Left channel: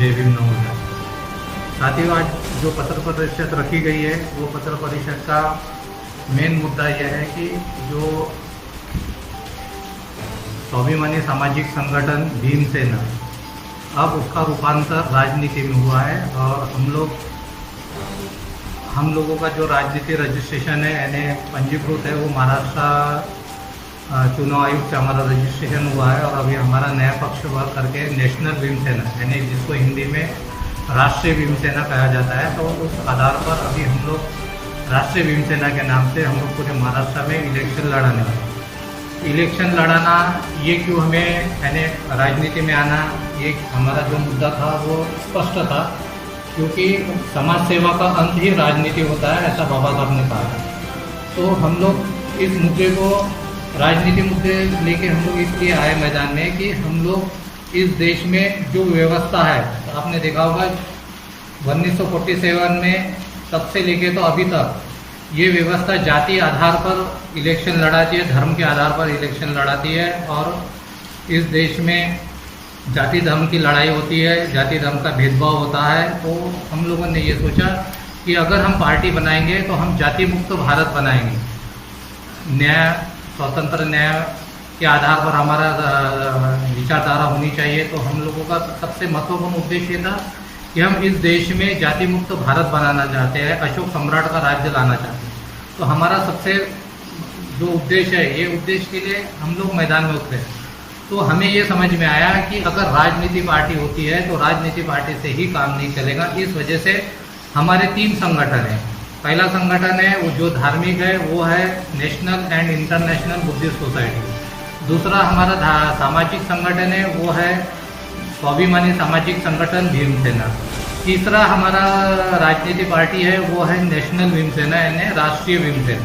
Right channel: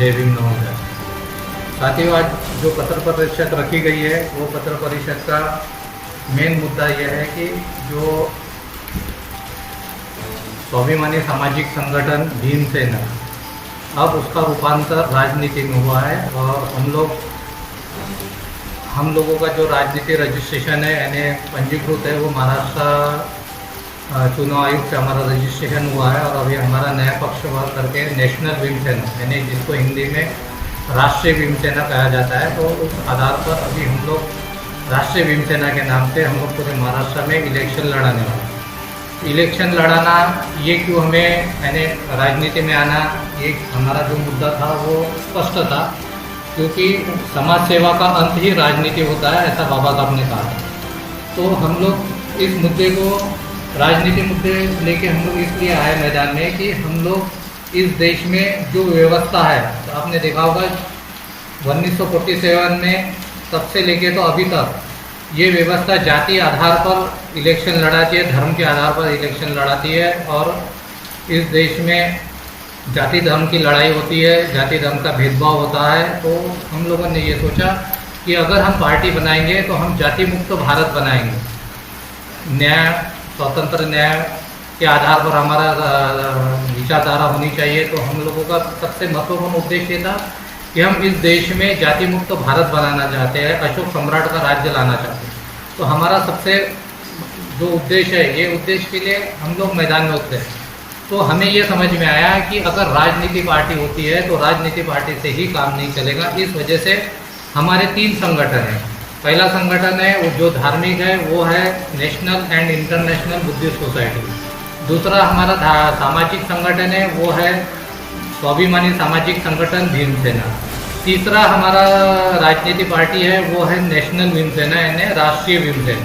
जय भीम नवोदय। साथियों, आज जो पत्र परिषद रखी गई है वो पत्र परिषद का मेन मुद्दा यह है कि जो स्वाभिमानी सामाजिक संगठन भीमसेना अब उसका रूपांतर राजनीति में हुआ है और हम लोगों का जो राजनीति रजिस्ट्रेशन है यानी पंजीकृत है वो महाराष्ट्र चुनाव आयोग से हमारा रजिस्ट्रेशन हुआ है और अभी हमारा नया पक्ष करके नेशनल भीमसेना यानी जिसको हिंदी में राष्ट्रीय भीमसेना कहा जाता है, तो उस आधार पर अभी हम लोग राष्ट्रीय भीमसेना के नाम से हम लोग पूरे महाराष्ट्र में इलेक्शन लड़ाने वाले। इलेक्शन लड़ाना ये क्यों हमें यानी राजनीति में आना, ये हमारा जो मुद्दा था वो स्पष्ट था, क्योंकि समाज सेवा का अंत ही राजनीति होता है, ऐसा बाबा साहब ने कहा। तो हम लोग इस मुद्दे को राजनीति मुद्दे लेके हम लोग इसलिए आए मैदान में कि हम लोग इस देश में जो व्यवस्था है, तो आपने देखा होगा 1947 में तब से लेके तो अभी तक ये व्यवस्था जाति आधार पर इलेक्शन लड़ाती है, धर्म के आधार पर इलेक्शन लड़ाती है और इस देश में जाति धर्म की लड़ाई होती है, जाति धर्म का भेदभाव होता है। तो हम लोगों ने ये सोचा कि अगर हम पार्टी बनाएंगे तो हम जाति मुक्त भारत बनाएंगे, न्याय स्वतंत्र न्याय के आधार पर हमारा विचारधारा होनी चाहिए। तो हम लोगों का सबसे महत्वपूर्ण उद्देश्य था कि हम इस देश में जाति मुक्त भारत बनाना चाहते हैं, अशोक सम्राट का राज्य लाना चाहते हैं। तो हमारा सबसे जो उद्देश्य है, ये उद्देश्य के लिए हम लोग मैदान में उतरे। तो हमें ये समझ में आया कि अगर राजनीति पार्टी होती है तो राजनीति पार्टी से ही काम नहीं चलेगा। इस वजह से हमारे 3 संगठन हैं। पहला संगठन है वो जो धार्मिक है, वो है national and international Buddhist society. दूसरा हमारा सामाजिक संगठन है वो है स्वाभिमानी सामाजिक संगठन भीमसेना। तीसरा हमारा राजनीति पार्टी है वो है नेशनल भीमसेना यानी राष्ट्रीय भीमसेना।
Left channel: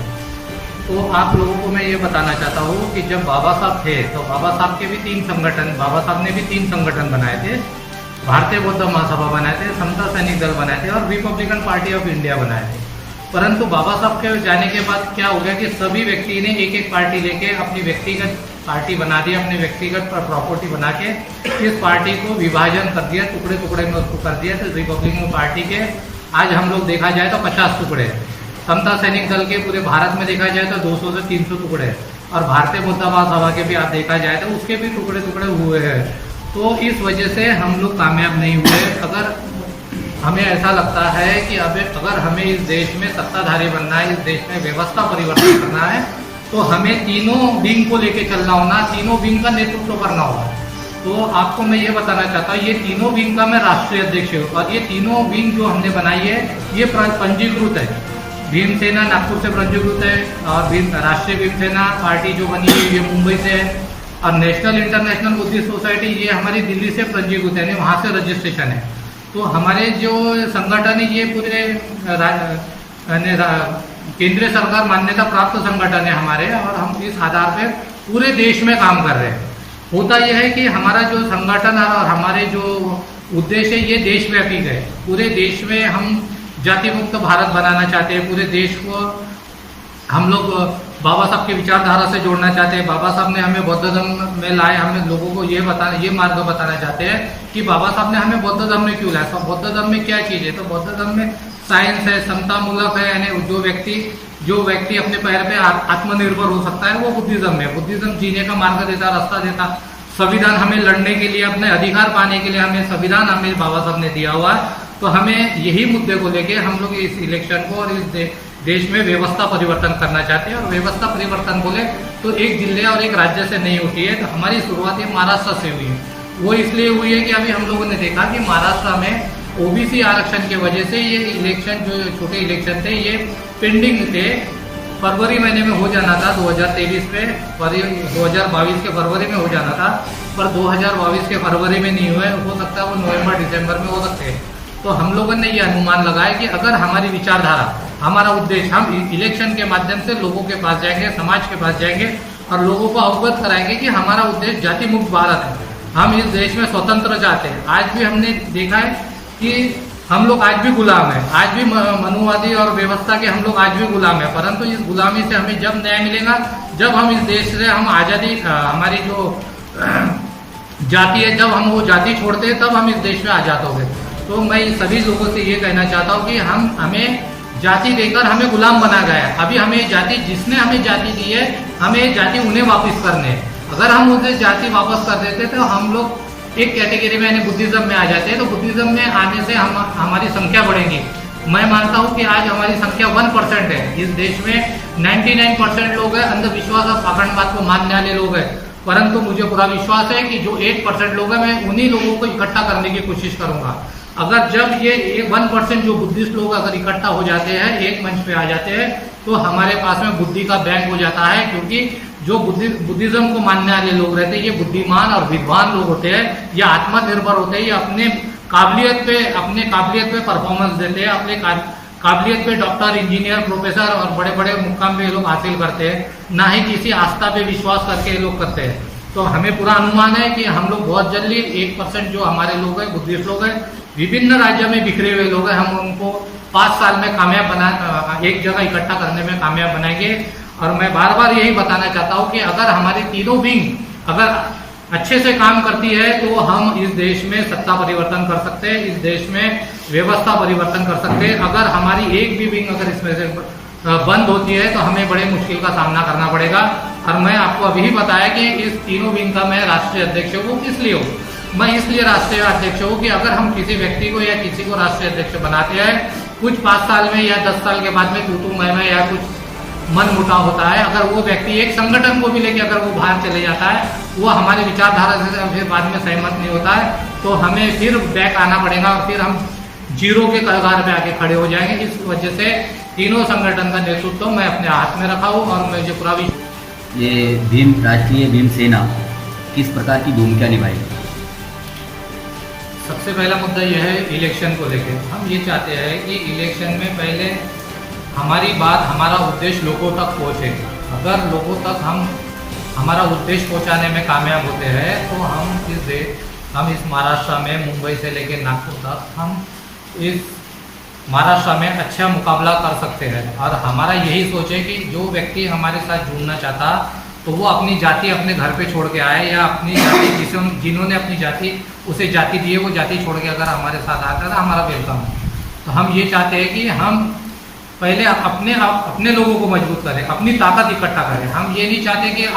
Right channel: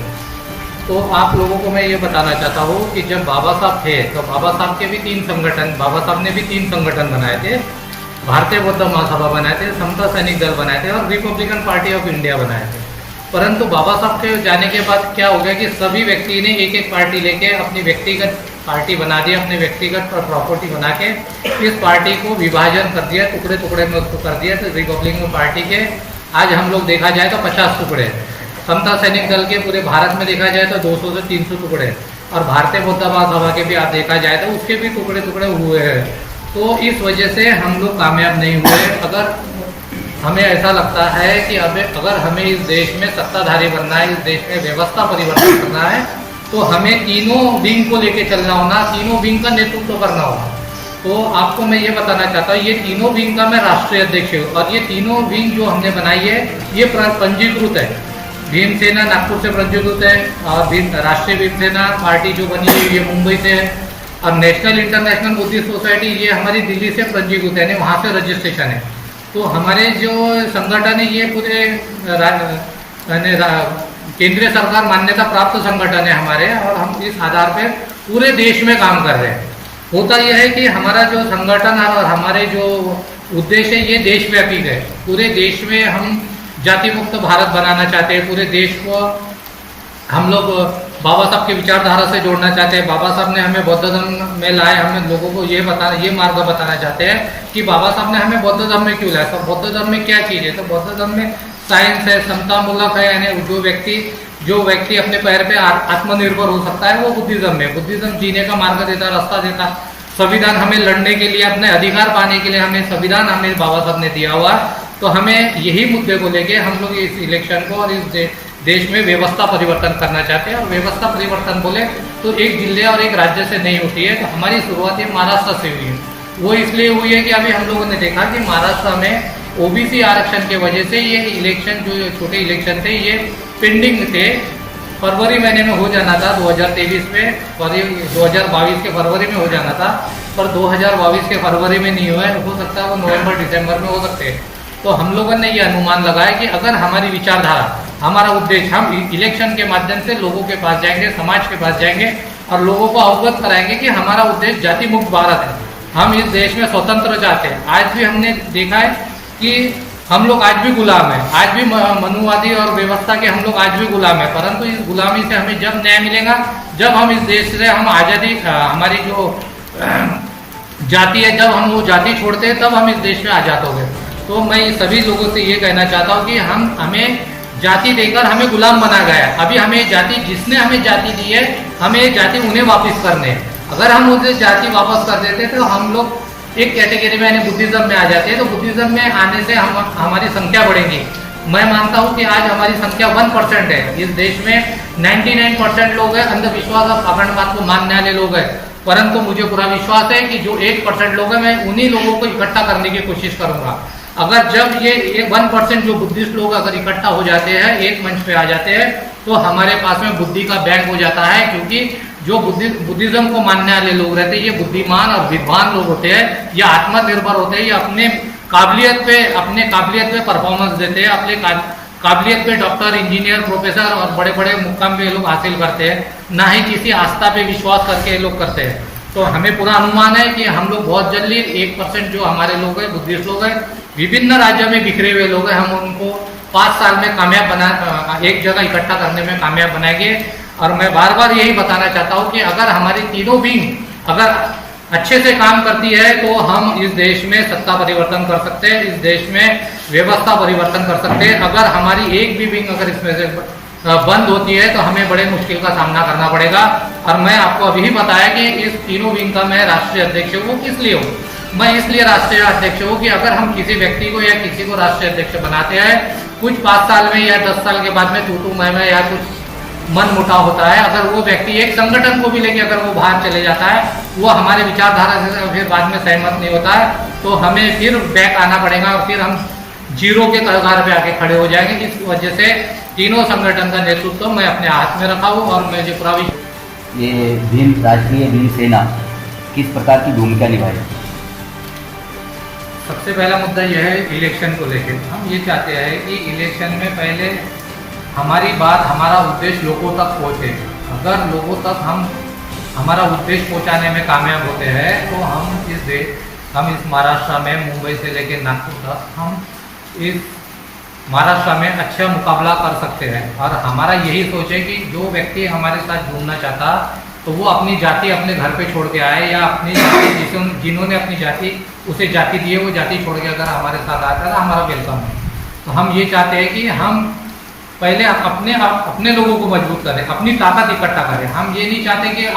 तो आप लोगों को मैं ये बताना चाहता हूँ कि जब बाबा साहब थे तो बाबा साहब के भी 3 संगठन, बाबा साहब ने भी 3 संगठन बनाए थे। भारतीय बौद्ध महासभा बनाए थे, समता सैनिक दल बनाए थे और रिपब्लिकन पार्टी ऑफ इंडिया बनाए थे। परंतु बाबा साहब के जाने के बाद क्या हो गया कि सभी व्यक्ति ने एक एक पार्टी लेके अपनी व्यक्तिगत पार्टी बना दी, अपने व्यक्तिगत प्रॉपर्टी बना के इस पार्टी को विभाजन कर दिया, टुकड़े टुकड़े में उसको कर दिया। तो रिपब्लिकन पार्टी के आज हम लोग देखा जाए तो 50 टुकड़े, समता सैनिक दल के पूरे भारत में देखा जाए तो 200 से 300 टुकड़े और भारतीय बौद्ध महासभा के भी आप देखा जाए तो उसके भी टुकड़े टुकड़े हुए हैं। तो इस वजह से हम लोग कामयाब नहीं हुए। अगर हमें ऐसा लगता है कि अगर हमें इस देश में सत्ताधारी बनना है, इस देश में व्यवस्था परिवर्तन करना है, तो हमें तीनों विंग को लेके चलना होना, तीनों विंग का नेतृत्व करना होगा। तो आपको मैं ये बताना चाहता हूँ, ये तीनों विंग का मैं राष्ट्रीय अध्यक्ष हूँ और ये तीनों विंग जो हमने बनाई है ये पंजीकृत है। भीमसेना नागपुर से पंजीकृत है और राष्ट्रीय भीमसेना पार्टी जो बनी है ये मुंबई से है और नेशनल इंटरनेशनल बुद्धिस्ट सोसाइटी ये हमारी दिल्ली से पंजीकृत है, यानी वहाँ से रजिस्ट्रेशन है। तो हमारे जो संगठन है ये पूरे केंद्रीय सरकार मान्यता प्राप्त संगठन है हमारे और हम इस आधार पर पूरे देश में काम कर रहे हैं। होता यह है कि हमारा जो संगठन और हमारे जो उद्देश्य है ये देशव्यापी है। पूरे देश में हम जाति मुक्त भारत बनाना चाहते हैं, पूरे देश को हम लोग बाबा साहब की विचारधारा से जोड़ना चाहते हैं। बाबा साहब ने हमें बौद्ध धर्म में लाए, हमें लोगों को ये मार्ग बताना चाहते हैं कि बाबा साहब ने हमें बौद्ध धर्म में क्यों लाया, तो बौद्ध धर्म में क्या चीज़ है। तो बौद्ध धर्म में साइंस है, समतामूलक है, यानी जो व्यक्ति अपने पैर पे आत्मनिर्भर हो सकता है वो बुद्धिज्म में, बुद्धिज्म जीने का मार्ग देता, रास्ता देता। संविधान हमें लड़ने के लिए, अपने अधिकार पाने के लिए हमें संविधान हमें बाबा साहब ने दिया हुआ है। तो हमें यही मुद्दे को लेके हम लोग इस इलेक्शन को और इस देश में व्यवस्था परिवर्तन करना चाहते हैं। और व्यवस्था परिवर्तन बोले तो एक जिले और एक राज्य से नहीं होती है। तो हमारी शुरुआत ये महाराष्ट्र से हुई है। वो इसलिए हुई है कि अभी हम लोगों ने देखा कि महाराष्ट्र में ओबीसी आरक्षण के वजह से ये इलेक्शन जो छोटे इलेक्शन थे ये पेंडिंग थे। फरवरी महीने में हो जाना था 2023 में, 2022 के फरवरी में हो जाना था, पर 2022 के फरवरी में नहीं हुआ है। हो सकता है वो नवंबर दिसंबर में हो सकते हैं। तो हम लोगों ने ये अनुमान लगाया कि अगर हमारी विचारधारा, हमारा उद्देश्य, हम इलेक्शन के माध्यम से लोगों के पास जाएंगे, समाज के पास जाएंगे और लोगों को अवगत कराएंगे कि हमारा उद्देश्य जाति मुक्त भारत है, हम इस देश में स्वतंत्र चाहते हैं। आज भी हमने देखा है कि हम लोग आज भी गुलाम हैं, आज भी मनुवादी और व्यवस्था के हम लोग आज भी गुलाम हैं। परंतु इस गुलामी से हमें जब न्याय मिलेगा, जब हम इस देश से हम आज़ादी, हमारी जो जाति है, जब हम वो जाति छोड़ते हैं तब हम इस देश में आज़ाद हो गए। तो मैं सभी लोगों से ये कहना चाहता हूँ कि हमें जाति देकर हमें गुलाम बना गया है। अभी हमें जाति, जिसने हमें जाति दी है, हमें जाति उन्हें वापस करने है। अगर हम उसे जाति वापस कर देते तो हम लोग एक कैटेगरी में यानी बुद्धिज्म में आ जाते हैं। तो बुद्धिज्म में आने से हमारी संख्या बढ़ेगी। मैं मानता हूँ कि आज हमारी संख्या 1% है। इस देश में 99% लोग हैं अंधविश्वास और पाखंडवाद को मानने वाले लोग हैं, परंतु मुझे पूरा विश्वास है कि जो 1% लोग हैं, मैं उन्हीं लोगों को इकट्ठा करने की कोशिश करूंगा। अगर जब ये 1% जो बुद्धिस्ट लोग अगर इकट्ठा हो जाते हैं, एक मंच पे आ जाते हैं, तो हमारे पास में बुद्धि का बैंक हो जाता है। क्योंकि जो बुद्धिज्म को मानने वाले लोग रहते हैं, ये बुद्धिमान और विद्वान लोग होते हैं, ये आत्मनिर्भर होते हैं, ये अपने काबिलियत पे परफॉर्मेंस देते हैं, अपने काबिलियत पे डॉक्टर, इंजीनियर, प्रोफेसर और बड़े बड़े मुकाम पे लोग हासिल करते हैं, ना ही किसी आस्था पे विश्वास करके ये लोग करते हैं। तो हमें पूरा अनुमान है कि हम लोग बहुत जल्दी 1% जो हमारे लोग हैं, बुद्धिस्ट लोग हैं, विभिन्न राज्यों में बिखरे हुए लोग हैं, हम उनको 5 साल में एक जगह इकट्ठा करने में कामयाब बनाएंगे। और मैं बार बार यही बताना चाहता हूँ कि अगर हमारी तीनों विंग अगर अच्छे से काम करती है तो हम इस देश में सत्ता परिवर्तन कर सकते हैं, इस देश में व्यवस्था परिवर्तन कर सकते हैं। अगर हमारी एक भी विंग अगर इसमें से बंद होती है तो हमें बड़े मुश्किल का सामना करना पड़ेगा। और मैं आपको अभी ही बताया कि इस तीनों विंग का मैं राष्ट्रीय अध्यक्ष हूँ। किस लिए हूँ? मैं इसलिए राष्ट्रीय अध्यक्ष हूँ कि अगर हम किसी व्यक्ति को या किसी को राष्ट्रीय अध्यक्ष बनाते हैं, कुछ 5 साल में या 10 साल के बाद में तू मैं या कुछ मन मुटाव होता है, अगर वो व्यक्ति एक संगठन को भी लेके अगर वो बाहर चले जाता है, वो हमारे विचारधारा से फिर बाद में सहमत नहीं होता है, तो हमें फिर बैक आना पड़ेगा और फिर हम जीरो के कगार पे आके खड़े हो जाएंगे। इस वजह से तीनों संगठन का नेतृत्व मैं अपने हाथ में रखा हूँ। और मैं जो पूरा ये राष्ट्रीय भीम सेना किस प्रकार की भूमिका निभाएगी? सबसे पहला मुद्दा यह है इलेक्शन को लेकर। हम ये चाहते हैं कि इलेक्शन में पहले हमारी बात, हमारा उद्देश्य लोगों तक पहुँचे। अगर लोगों तक हम हमारा उद्देश्य पहुँचाने में कामयाब होते हैं तो हम इस महाराष्ट्र में, मुंबई से लेकर नागपुर तक, हम इस महाराष्ट्र में अच्छा मुकाबला कर सकते हैं। और हमारा यही सोच है कि जो व्यक्ति हमारे साथ जुड़ना चाहता तो वो अपनी जाति अपने घर पे छोड़ के आए, या अपनी जाति जिन्होंने अपनी जाति उसे जाति दी है वो जाति छोड़ के अगर हमारे साथ आता है तो हमारा वेलकम है। तो हम ये चाहते हैं कि हम पहले अपने लोगों को मजबूत करें, अपनी ताकत इकट्ठा करें। हम ये नहीं चाहते कि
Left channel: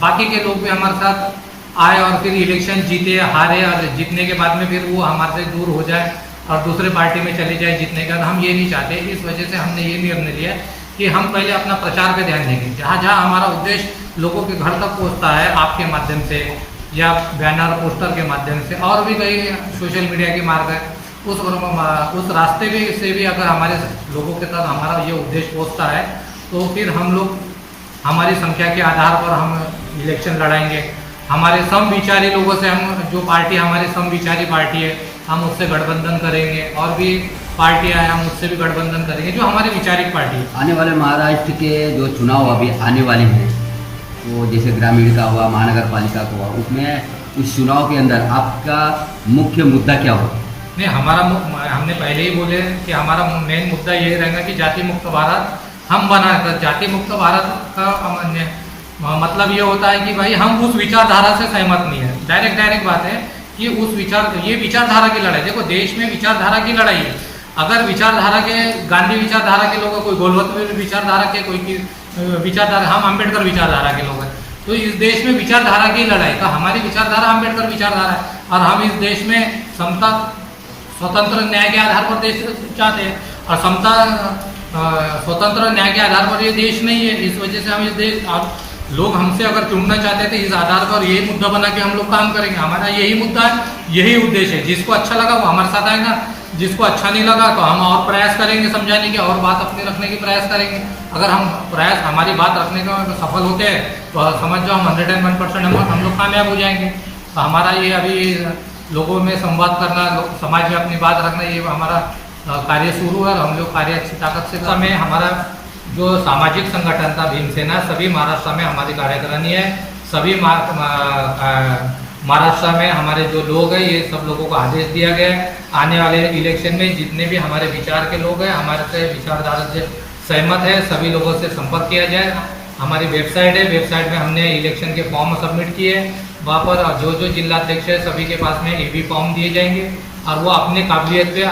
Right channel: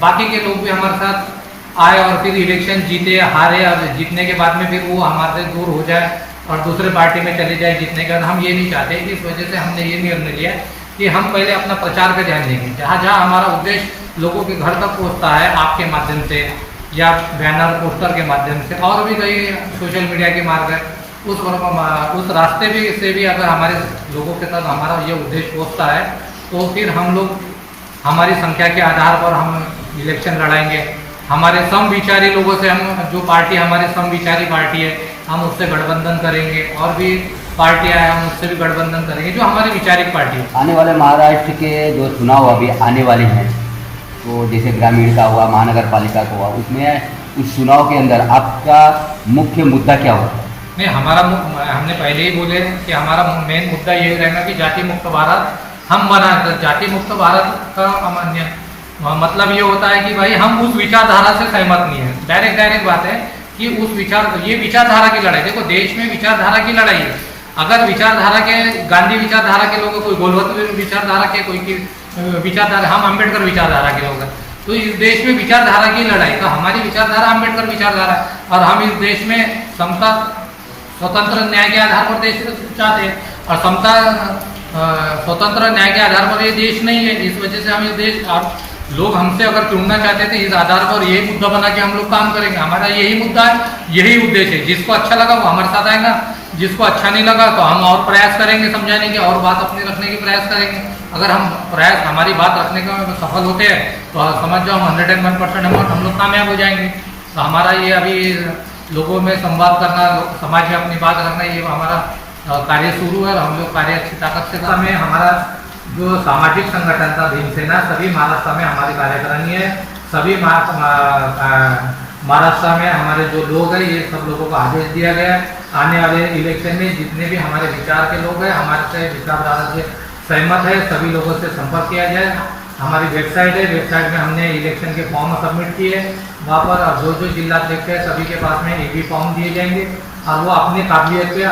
बाकी के लोग भी हमारे साथ आए और फिर इलेक्शन जीते, हारे, और जीतने के बाद में फिर वो हमारे से दूर हो जाए और दूसरे पार्टी में चले जाए जीतने के बाद। हम ये नहीं चाहते। इस वजह से हमने ये निर्णय लिया कि हम पहले अपना प्रचार पे ध्यान देंगे। जहाँ जहाँ हमारा उद्देश्य लोगों के घर तक पहुँचता है, आपके माध्यम से या बैनर पोस्टर के माध्यम से, और भी कई सोशल मीडिया के मार्ग है, उस रास्ते से भी अगर हमारे लोगों के साथ हमारा ये उद्देश्य पहुँचता है तो फिर हम लोग हमारी संख्या के आधार पर हम इलेक्शन लड़ाएंगे। हमारे समविचारी लोगों से, हम जो पार्टी हमारी समविचारी पार्टी है, हम उससे गठबंधन करेंगे, और भी पार्टियां हैं हम उससे भी गठबंधन करेंगे जो हमारी विचारिक पार्टी है। आने वाले महाराष्ट्र के जो चुनाव अभी आने वाले हैं, तो जैसे ग्रामीण का हुआ, महानगर पालिका का हुआ, उसमें उस चुनाव के अंदर आपका मुख्य मुद्दा क्या होगा? नहीं, हमने पहले ही बोले कि हमारा मेन मुद्दा ये रहेगा कि जाति मुक्त भारत हम बनाकर। जाति मुक्त भारत का मतलब ये होता है कि भाई हम उस विचारधारा से सहमत नहीं है। डायरेक्ट बात है कि ये विचारधारा की लड़ाई, देखो देश में विचारधारा की लड़ाई है। अगर विचारधारा के, गांधी विचारधारा के लोग, कोई गोलवत्त विचारधारा के, कोई की विचारधारा, हम अम्बेडकर विचारधारा के लोग हैं, तो इस देश में विचारधारा की लड़ाई, तो हमारी विचारधारा अम्बेडकर विचारधारा है। और हम इस देश में समता, स्वतंत्र न्याय के आधार पर देश चाहते हैं, और समता, स्वतंत्र न्याय के आधार पर ये देश नहीं है। इस वजह से हम इस देश, और लोग हमसे अगर चुनना चाहते थे, इस आधार पर यही मुद्दा बना के हम लोग काम करेंगे। हमारा यही मुद्दा है, यही उद्देश्य है। जिसको अच्छा लगा वो हमारे साथ आएगा, जिसको अच्छा नहीं लगा तो हम और प्रयास करेंगे समझाने के, और बात अपनी रखने की प्रयास करेंगे। अगर हम हमारी बात रखने में सफल होते हैं तो समझ जाओ 101% हम लोग कामयाब हो जाएंगे। तो हमारा ये अभी लोगों में संवाद करना, समाज में अपनी बात रखना, ये हमारा कार्य शुरू है। और हम लोग कार्य अच्छी ताकत से कर में, हमारा जो सामाजिक संगठन था भीमसेना, सभी महाराष्ट्र में हमारी कार्यकारिणी है। सभी महाराष्ट्र में हमारे जो लोग हैं, ये सब लोगों को आदेश दिया गया है, आने वाले इलेक्शन में जितने भी हमारे विचार के लोग हैं, हमारे से विचारधारा से सहमत है, सभी लोगों से संपर्क किया जाए। हमारी वेबसाइट है, वेबसाइट में हमने इलेक्शन के फॉर्म सबमिट किए हैं। वहाँ पर जो जो जिला अध्यक्ष है सभी के पास में ईवी फॉर्म दिए जाएंगे और वो अपनी काबिलियत पे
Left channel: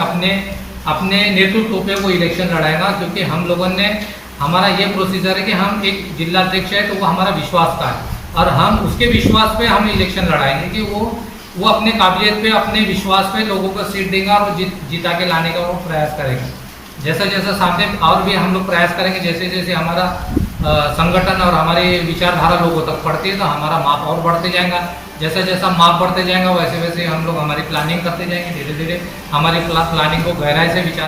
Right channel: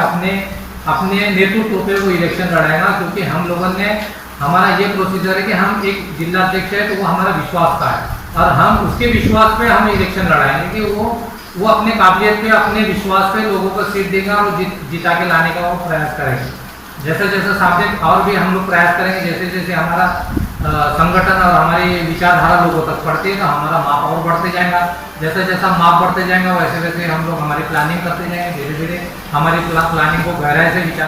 अपने नेतृत्व पे वो इलेक्शन लड़ाएगा, क्योंकि हम लोगों ने हमारा ये प्रोसीजर है कि हम एक जिला अध्यक्ष है तो वो हमारा विश्वास का है और हम उसके विश्वास पे हम इलेक्शन लड़ाएंगे कि वो अपने काबिलियत पे अपने विश्वास पे लोगों को सीट देगा और जिता के लाने का वो प्रयास करेंगे। जैसे जैसे सामने और भी हम लोग प्रयास करेंगे, जैसे जैसे हमारा संगठन और हमारी विचारधारा लोगों तक पड़ती है तो हमारा माप और बढ़ते जाएगा। जैसे जैसा माप बढ़ते जाएगा वैसे वैसे हम लोग हमारी प्लानिंग करते जाएंगे। धीरे धीरे हमारी प्लानिंग को गहराई से विचार